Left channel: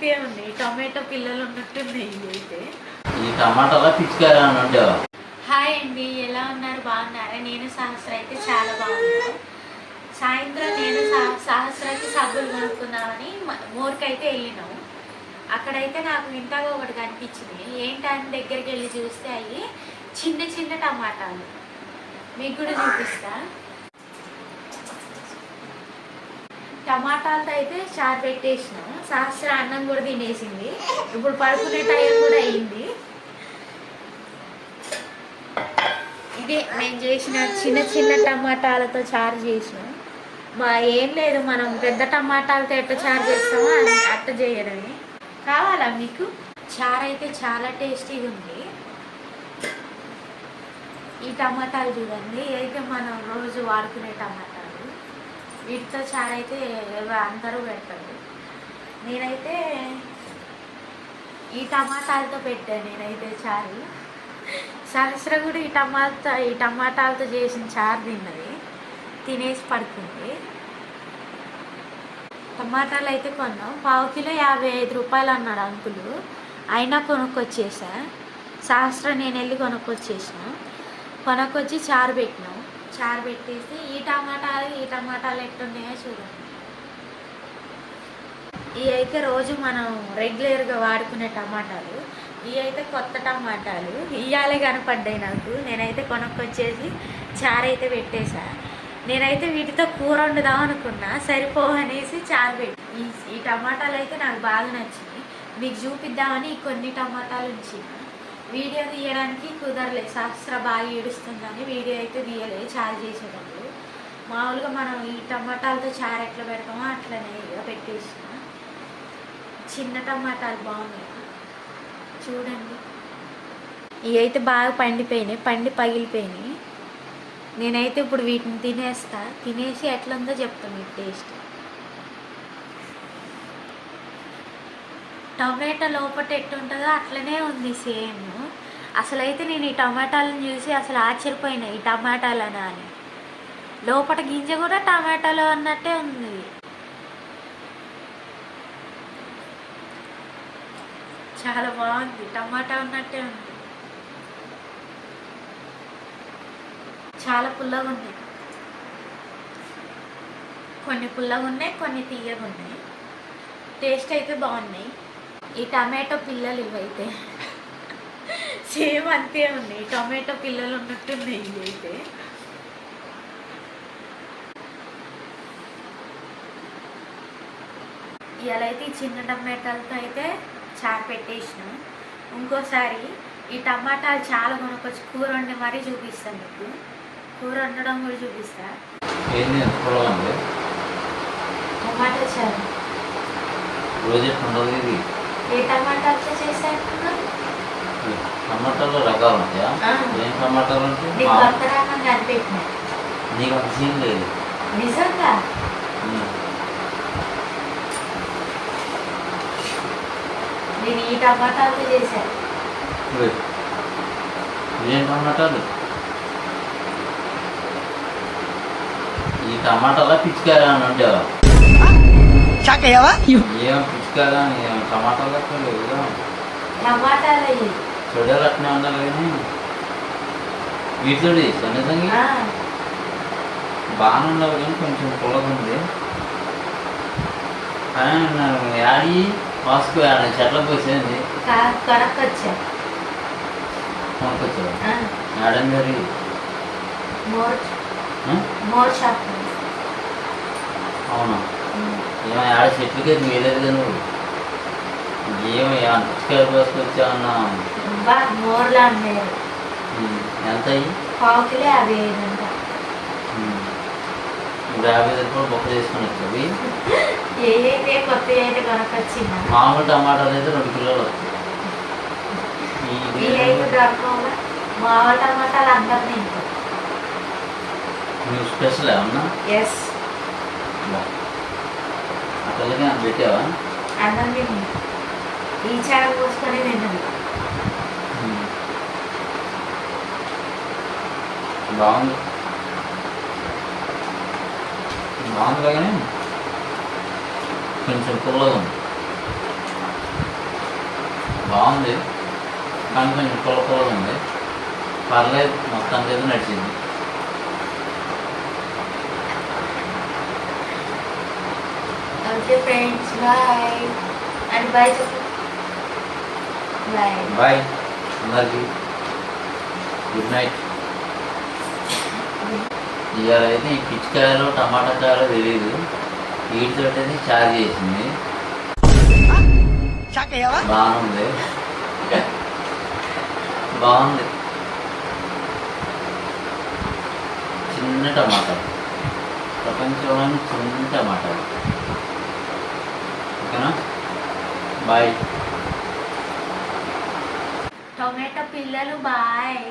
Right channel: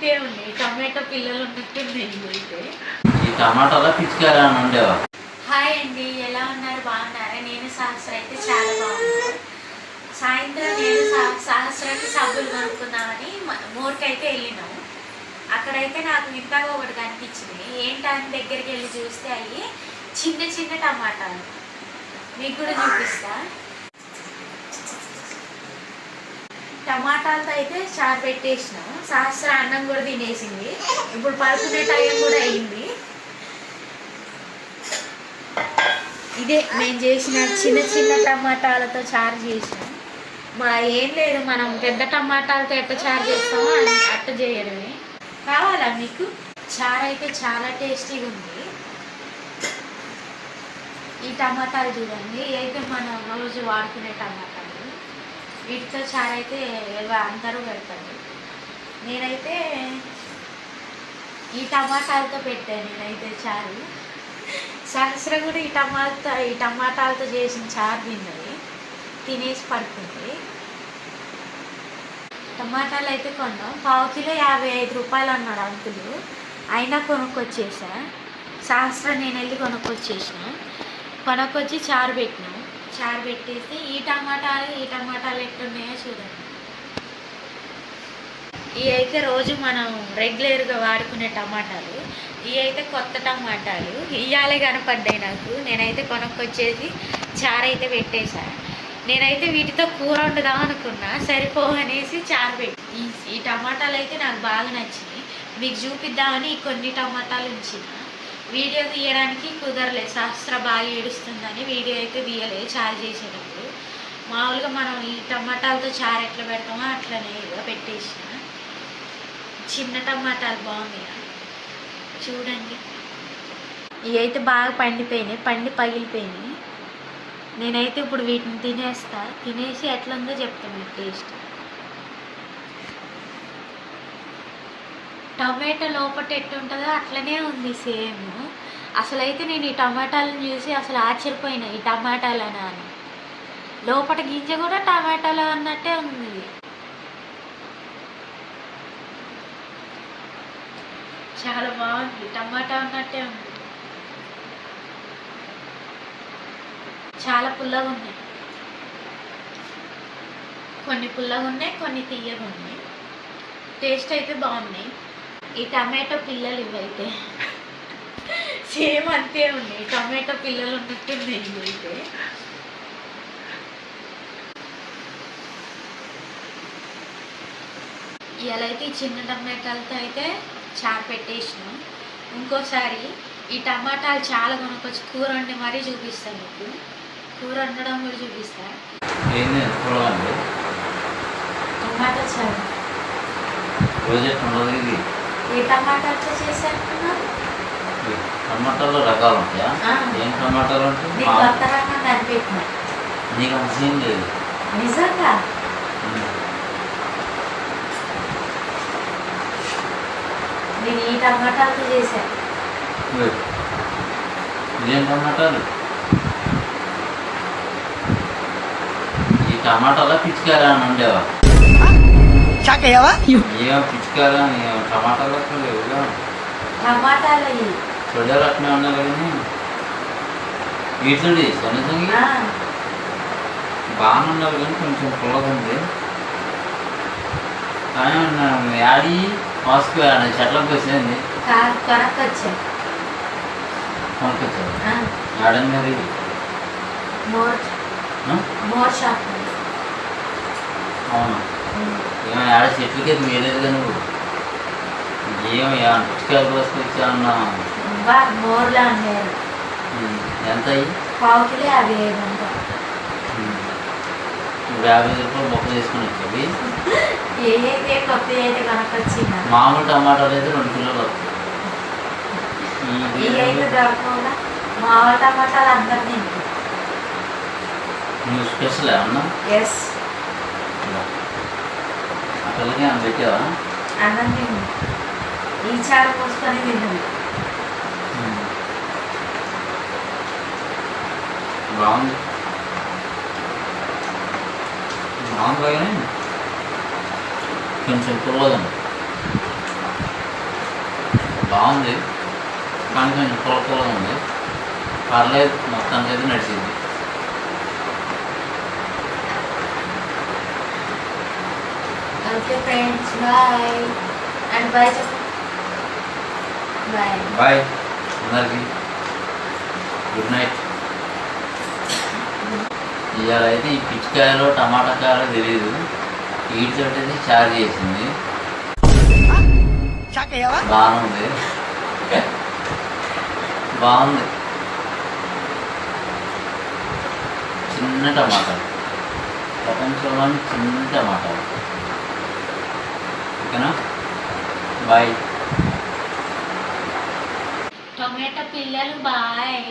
అంతే ఉన్నాయి, టమాటో పిల్లలు ఉన్నట్టున్నాయి అయితే. ఈ టమాటాలో పిచ్చికాయలు అని ఉండేవా? హాయ్ అండి, ఎలా ఉన్నారు? బాగున్నారా? నేను సహస్ర అయితే చాలా బాగున్నాను. సాయంత్రం నేను సహస్రకి సబ్బులు కొనుక్కుందామని మోర్కైతే వెళ్ళినాము. అక్కడైతే నాకు వింతగా ఒకటి కనిపించింది. ఏంటని దగ్గరికి వెళ్ళి చూస్తే అవి చిన్న చిన్న టమాటాలు. మీకు కూడా చూపిస్తా. టమాటాలతో అయితే చారు పెట్టేసినాం. సహస్ర అన్నం కూడా తినేసింది. ఇప్పుడు పడుకునే టైం కూడా అయింది. ఇదే నేను చేసిన చిన్న చిన్న టమాటాలతో చారు చేసినాం. ఏం లేదు, మనం పెద్ద టమాటాలతో ఎట్ట చారు చేస్తామో అట్ట చేయడమే. కావాలా మీకు? చారు అయితే చాలా టేస్టీగా ఉంది. ఈ టమాటాలు చూడండి, ఇదైతే మనం రోజు వాడుకునే టమాటాలు. వీటితో చారు అయితే అందరూ పెడతారు. నేనైతే ఈ టమాటాలతో పెట్టాను. నేనైతే చారు సహస్ర కూడా ఈ టమాటాలతో చేసిన చారు తిన్నది, తినేసి పడుకుంది. టమాటాలు అయితే కొన్నాం. పావు కిలో 55 రూపాయలు అన్నాడు అంకులు. అయినా కొనుక్కొచ్చేసా. సహస్ర నేను వెళ్ళి కొనుక్కొచ్చి చారు పెట్టినాం. చారు పెట్టేసి ఈ టమాటాలు ఎట్లున్నాయో చూడండి. ఇవి అయితే రోజు మనం రెగ్యులర్గా వాడుకునే టమాటాలు. ఇవి అయితే కొత్త టమాటాలు. ఇయ్యాలే కనపడ్డాయి నాకు. నేనైతే కొనుక్కొచ్చేసి చారు అయితే పెట్టేశా. నేనైతే వీటితో కూర వండుదాం అనుకున్నా, సరిపోవనేసి చారు పెట్టి. ఈ టమాటాలు అయితే నాకు బాగా నచ్చినాయి. మీకు చూపిద్దామని కొన్ని టమాటాలు ఉంచిన. వీడియో తీయడానికి కుదరలేదు, సహస్ర బాగా ఏడుస్తుందని వీడియో అయితే తీయలేదు చారు చేసేటప్పుడు. మామూలుగా మనం ఈ టమాటాలతో చారు ఎట్లా పెడతామో అట్లనే పెట్టేసిన. చిన్న టమాటాలు బాగున్నాయి చూడండి. ఇవి అయితే బాగా పండి పగిలిపోయినాయి. నేనైతే ఇప్పుడు వీటిని తినేసి ఎట్లుందో చెప్తాను మీకు టేస్ట్. టమాటా లోపల ఎట్టుంటుందో అట్లనే ఉంది సేమ్. అసలైతే నేను ఈ టమాటాలను చూసి అసలు ఆశ్చర్యపోయినా, ఈ టమాటాలనా అని. లోపల గింజ కూడా టమాటాలు అన్నట్టే ఉంది. చాలా బాగుంది, టమాటా ఉన్నట్టే ఉంది. చాలా పుల్లగా ఉన్నాయి. కొన్ని పుల్లగా ఉన్నాయి, కొన్ని తీయగా ఉన్నాయి. టేస్ట్ అయితే బాగున్నాయి. ఈ టమాటో పిల్లలు ఇవైతే సేమ్ అంతే ఉన్నాయి, టమాటో పిల్లలు ఉన్నట్టున్నాయి ఇవైతే. ఇవాళ అయితే ఈ చిన్న టమాటాలతో అయితే చారు పెట్టేసినాం. ఇంకోసారి ఈ టమాటాలు చాలా కొనుక్కొచ్చి కూర వండి మరీ చూపిస్తాను మీకు. కూర వండడం కూడా చూపిస్తా. టమాటా చారు ఏ టమాటాతో చేశాను? టమాటాలు రకాలు ఉంటాయా? ఏం టమాటాలు అంటే కొత్త రకం కనిపెట్టినా. నీకు అంత సీన్ లేదు నిజంగా. నేను ఈ టమాటాలతో చేశాను. ఏం టమాటాలు? ఈ టమాటాలో పిచ్చికాయలు అని ఉండేవా? ఏం పిచ్చికాయలు టమాటాలు టమాటాలు చూడే రకమే ఉన్నారు కానీ వీటిలో నిజంగా బాగానే ఉన్నారు కానీ కొంచెం పుల్లగా ఉంది. కానీ యాడి మాస్కు చెట్లకు వచ్చేది కొనుక్కొచ్చా. ఆడండి మరి మోర్ షాప్. అవును, ఏమో ఆడ చెట్లకి వేయలేదు కానీ నువ్వు ఏమయ్యా పుచ్చికాయలు వేసుకొచ్చా అన్నా. మోర్లా ఉండేది. ఎంత అయ్యి? పావు కిలో 55. 50 రూపాయలు బొక్క తీసుకొని వచ్చేవి. ఏదైతే కొత్త అయితే కొనుక్కొచ్చిందా? మామూలు టమాటాలు అయితే 2 కిలోలు వస్తాయి. అయితే దొరకకుండా మామూలు టమాటాలు అందరు తింటారు. నువ్వు స్పెషల్ ఏమన్నా? ఎస్. అక్కడికి అన్న పెట్టావా? అన్నం తింది, ఈ చారు పోసుకొని తిన్నది. బాగుంది. బాగుంది కానీ కొంచెం పుల్లగా ఉంది. బాగుంది కానీ కొంచెం పొలకలో ఉంది, పర్లేదు మొత్తానికి అయితే నడిచింది. Okay friends, bye and bye చెప్పు. బాయ్ బాయ్ అందరికి, గుడ్ నైట్. ఇవాళ అయితే ఈ పిచ్చికాయలు టమాటా కాయలు తెలియదు, వీటితో అయితే చార్జ్ చేసింది, బాగుంది బాగుంది. చిన్న టమాటా, ప్రపంచంలోని చిన్న టమాటా. ఓకేనా, బాయ్. టొమాటో పిల్లలు బాయ్.